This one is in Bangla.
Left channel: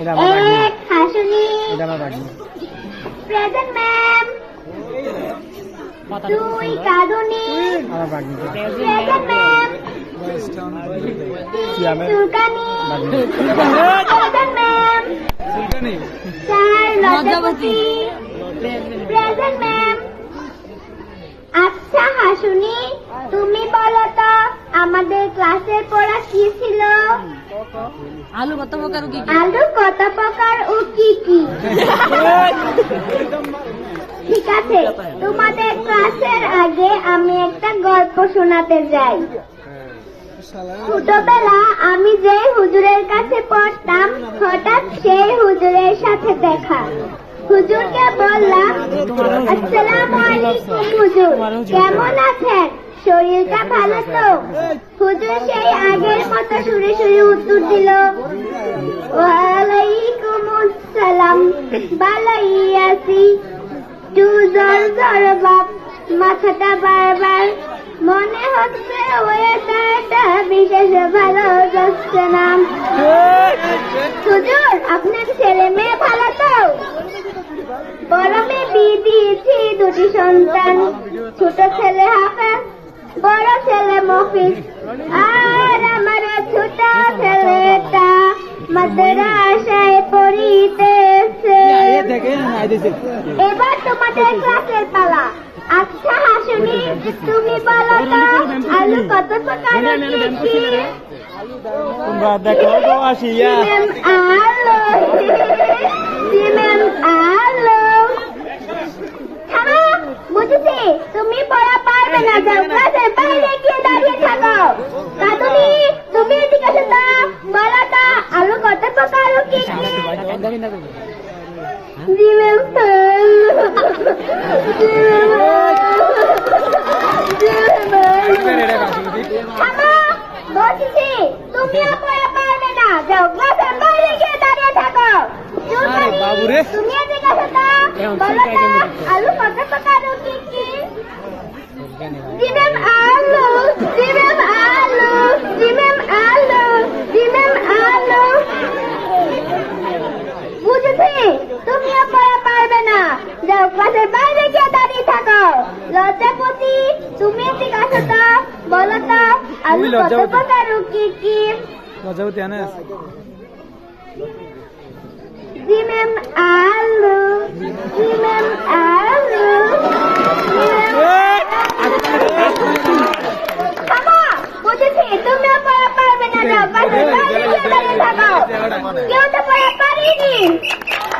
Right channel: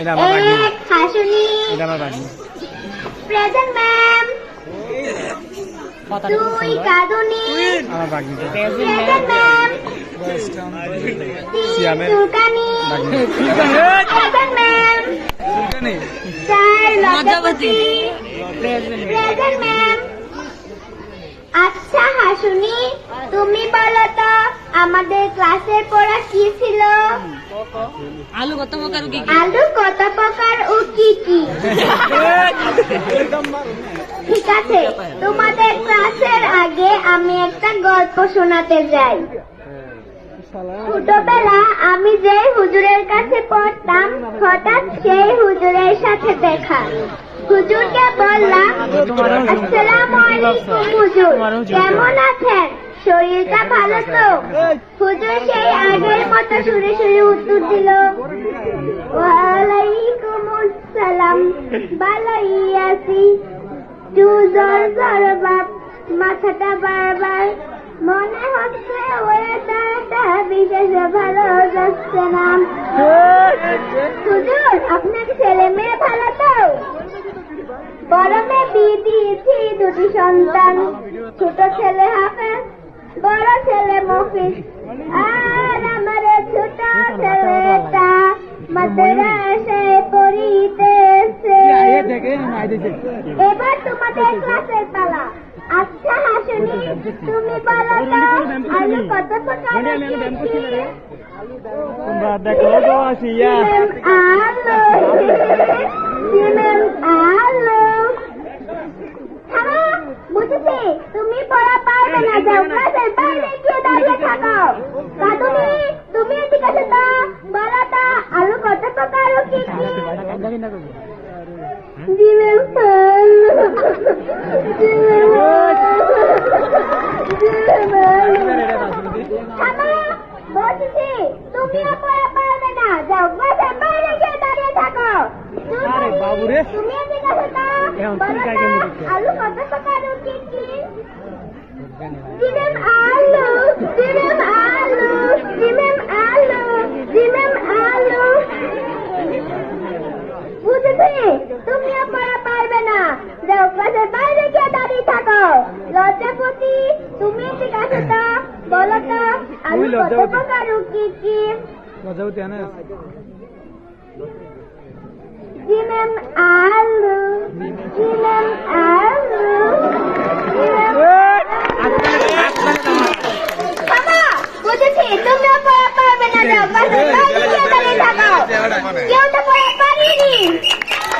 এটা আমার বাগনি। এক হাসুনি। এটা আমার বাগনি। Present ma'am. দুই কাঁদুনি। আমার বাগনি। Present ma'am. তিন সুলতানি। Present ma'am. চার লজ্জাবতী। Present ma'am. আচ্ছা হাসুনি, তুমি বলো তো আমাদের ক্লাসের পড়া কি ছিল? আলু কত প্রকার কি কি? আলু কত প্রকার ও কি কি? ঠিক আছে, তোমাদের ক্লাসের আগে আমি একটা গল্প শোনাতে যাই। ছোটবেলা আমি যে হুজুরের কাছে পড়তাম, হঠাৎ সেই হুজুরের সাথে দেখা। হুজুরকে বললাম, আসসালামু আলাইকুম হুজুর, কেমন আছেন? শরীরটা ভালো তো? হুজুর সেই আগের মতো শুনে শুনে উত্তর দিল, ওয়ালাইকুম আসসালাম, ভালোই আছি। জ্বর জ্বর বাপ, মাথাটা বারবার, মনে হচ্ছে ওয়েদারটা বিশেষ ভালো যাচ্ছে না। হুজুর আপনার ছেলে মেয়ে ভালো তো? বড় মেয়ে বিয়ে দিয়েছি, দুটি সন্তান, ছোট ছেলে হাফেজ, বড় ছেলে মফিজ, আর আমার ছোট ছেলেটা মাদ্রাসায় পড়িতেছে। এবার তোমাদের ক্লাসের পালা। আচ্ছা হাসুনি, তুমি বলো তো আলু কত প্রকারের কি কি? তোমরা দেখো গো আসিয়া। বুঝেছি, তুমি পড়া পারবে না, যাও ক্লাসের বাইরে গিয়ে দাঁড়িয়ে থাকো। কাদুনি, তুমি এদিকে আসো তো, বলো তো আলু কত প্রকার ও কি কি? জি ম্যাম। বলছি তুমিও পড়া পারবে না, যাও ক্লাসের বাইরে গিয়ে দাঁড়িয়ে থাকো। তুমি এদিকে আসো তো, বলো তো আলু কত প্রকার ও কি কি? জি ম্যাম আলু, জি ম্যাম আলু, জি ম্যাম আলু, জি ম্যাম আলু। বুঝেছি, তুমিও পড়া পারবে না, যাও ক্লাসের বাইরে গিয়ে দাঁড়িয়ে থাকো। লজ্জাপতি, তুমি এদিকে আসো তো, বলো তো আলু কত প্রকার ও কি কি? লজ্জাবতী আনে আছে। জি ম্যাম আলু, জি ম্যাম আলু, জি ম্যাম। বুঝেছি, তুমিও পড়া পারবে না, যাও ক্লাসের বাইরে গিয়ে দাঁড়িয়ে থাকো। কেউ তো পড়া পারেনি।